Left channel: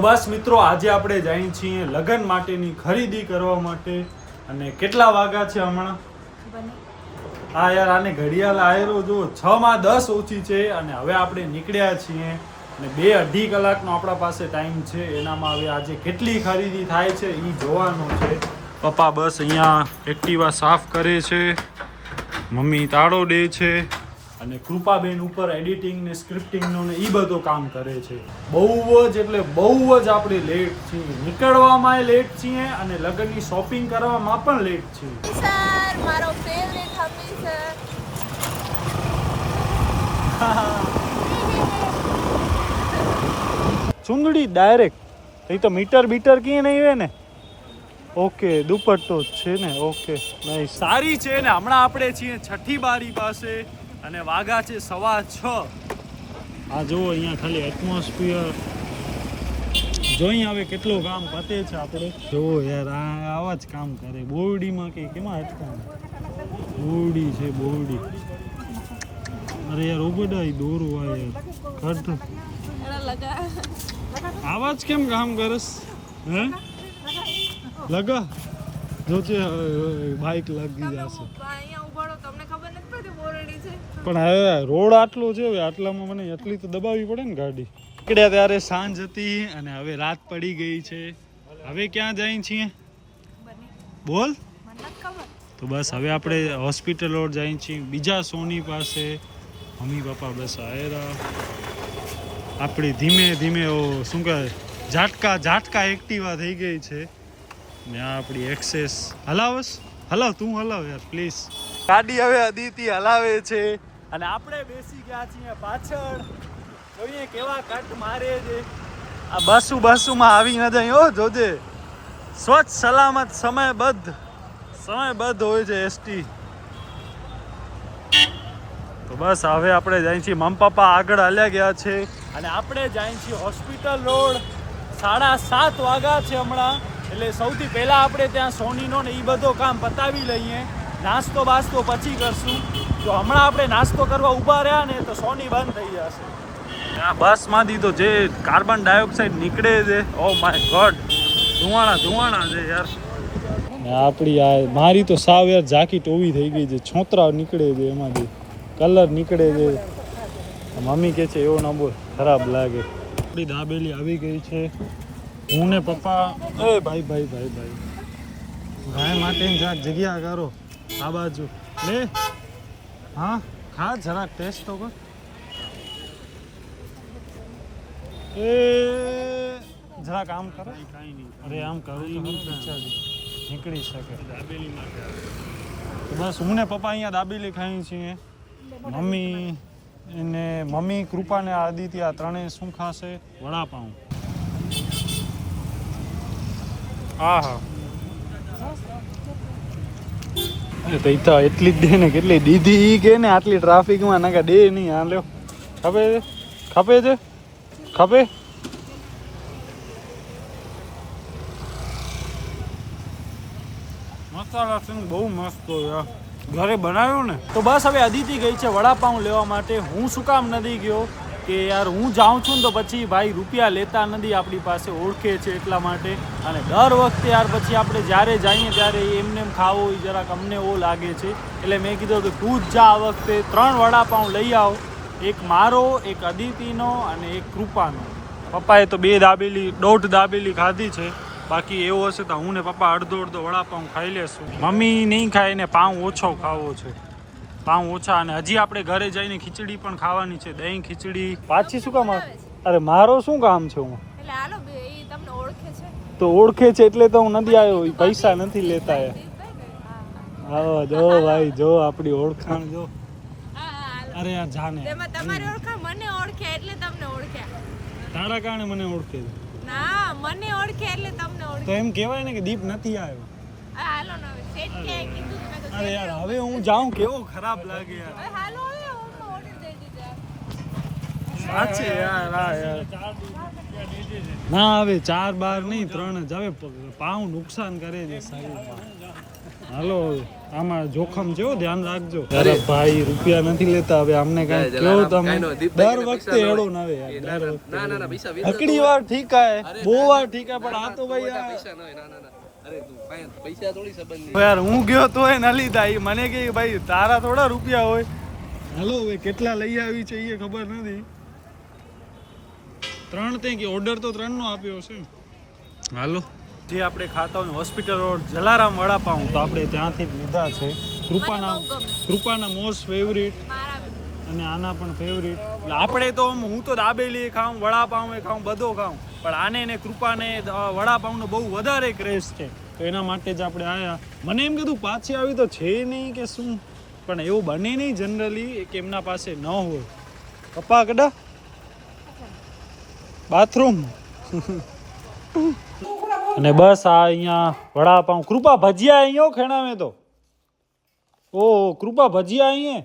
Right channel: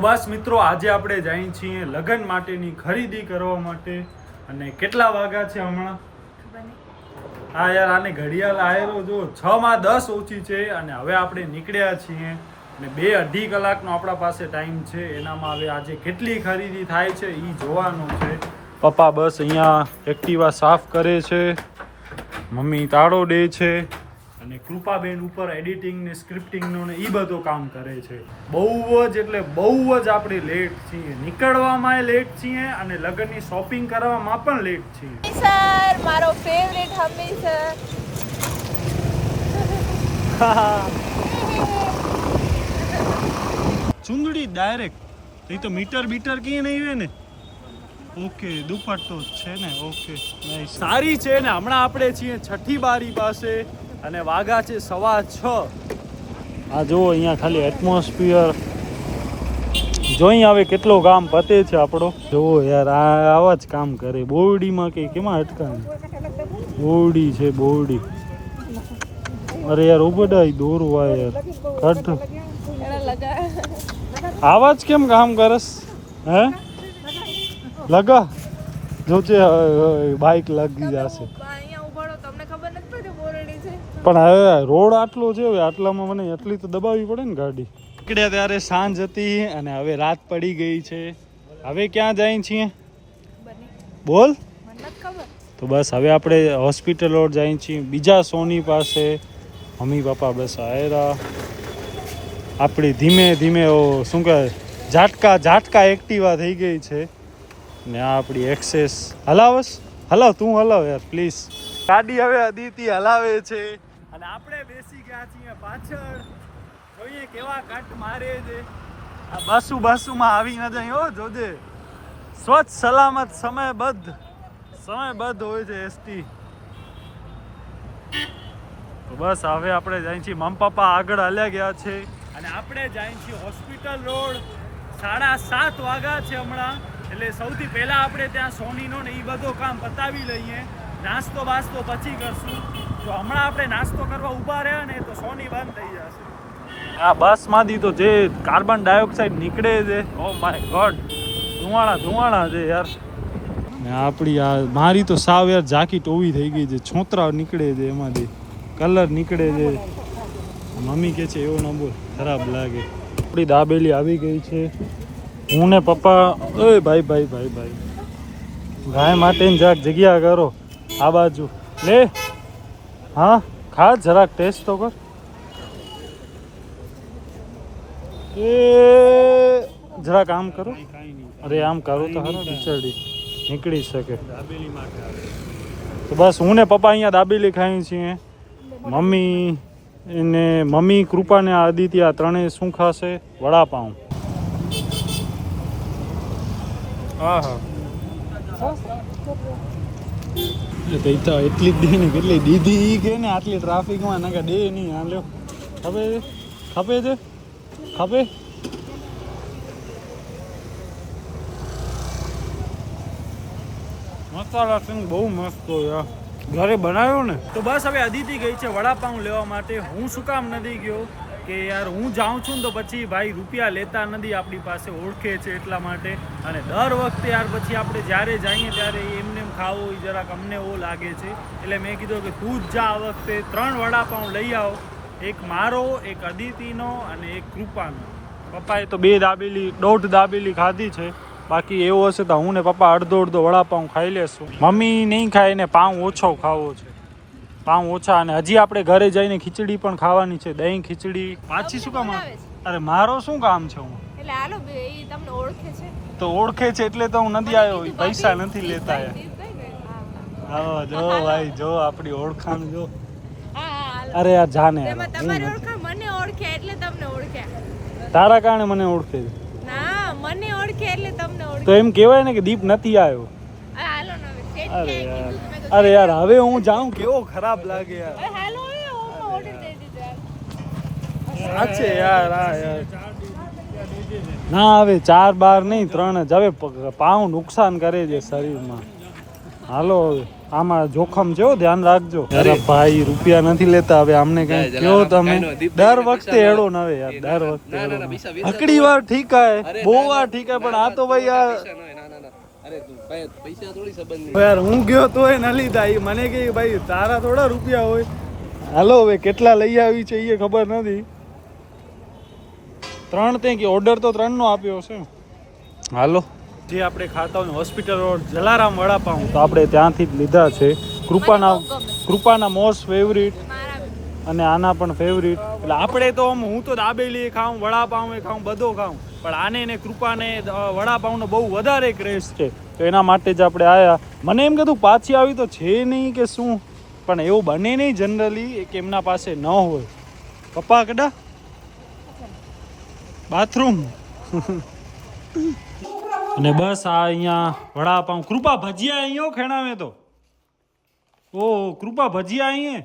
તો બસ મિત્રો, આજે આપણે જઈએ છીએ લગ્ન માટેની ખરીદી કરવા માટે. અને કેટલા વાગ્યા છે હમણાં? હા યાર, આને ઘડિયાળ આયરો જો 6:10 ઓછી છે. અને હવે આપણે નીકળ્યા છીએ અને 2-2.5 કલાકનો આપણા પાસે ટાઈમ છે. એનામાં હવે આજે કેટલી ખરીદી થાય છે એ જોવાનું છે. પપ્પા બસ અહીંયા એક્ટિવા સાફ કરે છે, મમ્મી તાળો દે છે અને કૃપાબેન ઉપર એડિટિંગ ને સ્ક્રિપ્ટિંગનું ને એ બધું કામ કરે છે. બહુ જ એટલે બહુ જ આપણે લેટ છીએ, નીકળવામાં લેટ છીએ અને લગ્નની શોપિંગ કરવામાં પણ લેટ છીએ. સર મારો ફેવરેટ હંમેશા. ચુંદડી ડાયરેક્ટ એ તો મીટર બીટર કીએ નહીં હોય ને. ઓકે, દુપટ્ટો જ છે ને. ઓકે, નહીં સારી છે ને. હમણાં આપણે છીએ છઠ્ઠી બારી પાસે અને વાગા છે 6:15. આ જુઓ અહીંયા ખાલી એટમોસ્ફિયર જોઈ આવે કેટલો કામ પતે છે આપણો. જુઓ યાર, આવા જ કામ કરે. બોરડીમાં કે કેમાં અટકાને બોરડી છે બોરડી. અરે યાર ઉબડાઈ દોરું આ યાર કટ આવા જ કેમ કામ કરસ હે? લગા જો છે બાઇક લાગી જશે. પણ હવે રોડ આટલો છે, હવે આટલામાં મને એટલી તો દબાવવી પડે ને ગાડી. નીકળ્યા ત્યારે સાંજ હતી અને હવે રાત પડી ગઈ છે. હવે ક્યાં જાય છીએ બોલ? તો બસ હવે આપણે હોસ્પિટલ રોડ જાય છીએ, બીજા સોની પાસે. મમ્મી પપ્પા બસ આયરા. આપણી ધીમે ધીમે શું કહેવાય ઝાટકા એક્ટિવા થઈ ગઈ છે ને. આ આપણી એક્સેસ હલાવસ. હલાવ તું હલાવ યાર પ્લીઝ. ગાડી હવે અદિતિ હલાવે છે અને આપણે બેસી ગયા છીએ પાછળ. જોઈએ કેવા કટ મારે છે. આ બસુમાં આવી ન જાય હો, જોજે. સ્વચ્છ સલામત સમયબદ્ધ હોય છે એસટી. તો બસ હવે આપણે જાય છીએ. મમ્મી પપ્પા આગળ હાલ્યા ગયા છે અને આપણે જાય છીએ હોસ્પિટલ રોડ. 7:30 વાગ્યા છે હમણાં. એટલે સૌથી પહેલાં આપણે ત્યાં સોનીનો ને એ બધો કામ પતાવી લઈએ. નાસ્તો બાસ્તો પછી કરશું. જો હમણાં આપણે નાસ્તો કરવા ઊભા રહ્યા ને તો સોની બંધ થઈ જશે. આ બસમાંથી તો જે કાર્બન ડાયોક્સાઇડ નીકળે છે, ઓ માય ગોડ, ધુવાણા છે યાર. ને આપણી આ મારી તો સાવ યાર ઝાંકી ટોવી થઈ ગઈ છે. છોતરા નીકળે છે એમાંથી, કલર નીકળે છે. મમ્મી કહે છે એવો ન બોલ, ખરાબ લાગે. આપણી દાબેલી આવી ગઈ છે. હું ને પપ્પા ભાઈ ગાય માટે જરાક જગ્યા કરો. આ બાજુ લે. હા ખા, જરાક ટેસ્ટ તો કર. એ જરાક આમ કરો. અરે આમ કરો તો ખીચડી નીકળી શકે. તો બસ હું ને પપ્પા અહીંયા દાબેલી ખાઈ છીએ. મમ્મી કૃપા ને આદિત્ય આ ત્રણેય શું ખાશે? વડાપાઉં. હા પૈસા એટલી જ દે ને, કેટલી દીધી કે ને આટલી ટ્રાફિકમાં નાખા દે નહીં. હા લ્યો, ખપે છે મસાલા સિંગ બહુ મસ્ત હોય, ઘરે બનાવ્યો ને. તો બસ હવે અદિતિ ગઈ છે વડાપાઉં લેવા માટે. હું શું કામ નથી ગયો કે યાર હું જાઉં છું ને તો પછી ભાઈ રૂપિયા લેતા નથી આપણી પાસે, ઓળખે છે એટલા માટે. અને દર વખતે યાર પછી આપણે જ્યારે જઈએ ત્યારે એમને ખાવો એ જરાક અમને એવો લાગે છે. એટલે મેં કીધું કે તું જ જા આ વખતે. 3 વડાપાઉં લઈ આવો, એક મારો, એક અદિતિનો અને એક કૃપાનો. પપ્પાએ તો 1.5 દાબેલી ખાધી છે. બાકી એવું હશે તો હું ને પપ્પા અડધો વડાપાઉં ખાઈ લેશું. મમ્મી નહીં ખાય ને પાઉં ઓછો ખાવો છે, પાઉં ઓછા. અને હજી આપણે ઘરે જઈને ખીચડી પણ ખાવાની છે, દહીં ખીચડી. પાછી શું કામ? અરે મારો શું કામ છે? હું તો ઓળખે છે એટલે તો હું નથી આવ્યો. પૈસા નથી લેતા યાર. જો ભાઈ જો આપણી ઓળખાણ જો. અરે યાર જાને, તારા કારણે મને ઓળખે છે. તો એમ કેવાય ને કે દીપ નથી આવ્યો. અરે યાર હવે હું જાઉં, કેવો ખરાબ લાગે યાર. સાચે યાર આ યાર ના હવે 4 બાર નહીં 3 જ. હવે પાઉં નુકસાન કરે છે શરીરમાં. હાલો હવે આમાં જોખમ છે હો, ધ્યાન રાખજો. અરે ભાઈ રૂપિયા નથી લેતા હવે આમને કઈ કયો તમે. દર વખતે એડો ના આવે યાર, દર વખતે હકડી વાર ઠીક હે, બહુ વાર ઠીક હે, પણ આ તો ભાઈ યાર યાર હું ગયો તોય ન લીધા. એ મને કે ભાઈ તારા થોડા રૂપિયા હોય. હાલો હવે કેટલા લઈ આવી છે એ ખબર નથી. 3 તે કે ઓર્ડર તો 3 નો આપ્યો છે. હાલો જે આપણે ખાતા હોય હોસ્પિટલ રોડ જલારામ વડાપાઉં તો આપણે ત્યાંથી જ લીધા છે. કૃપાના મોસ્ટ ફેવરિટ અને આના પણ ફેવરિટ. એટલે આપણે તો હું તો દાબેલી ખાઉં, વડાપાઉં ખાઉં, બધો ખાઉં, પણ આને ને કૃપાને વડાપાઉંનો બહુ વધારે ક્રેઝ છે. તો એના માટે જ આપણે આવ્યા. મને એમ કીધું પાછી આવી તો છે નહીં કે શું, પણ એવું બને નહીં જનરલી કે એમના પાસે ન હોય. પપ્પા કડા બાથરૂમ અને બસ આ અહીંયા વડાપાઉં. કૃપા ભજીયા અહીંયા ખેણાવે તો. ઓહ કૃપા ભજીયા અહીંયા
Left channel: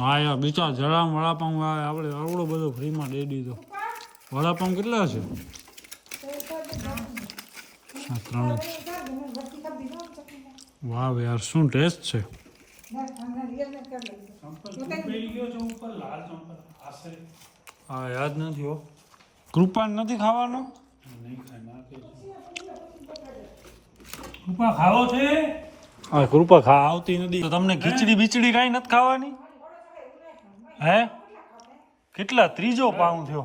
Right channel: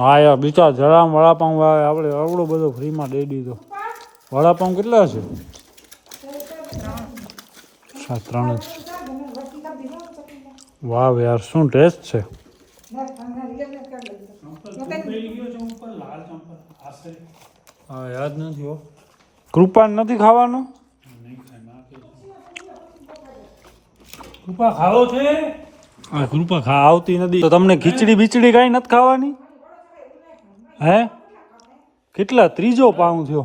હા યાર બીજા જરામ વડાપાઉં આપણે આવડો બધો ફ્રીમાં દઈ દીધો. વડાપાઉં કેટલા છે? 3 જ. વાહ યાર શું ટેસ્ટ છે. હા યાદ નથી હો. કૃપાને નથી ખાવાનું? કૃપા ખાવો છે? હા કૃપા આવતી નથી તો તમને ખીચડી બીચડી કાંઈ નથી ખાવાની? હે કેટલા 3જો પાઉં થયો?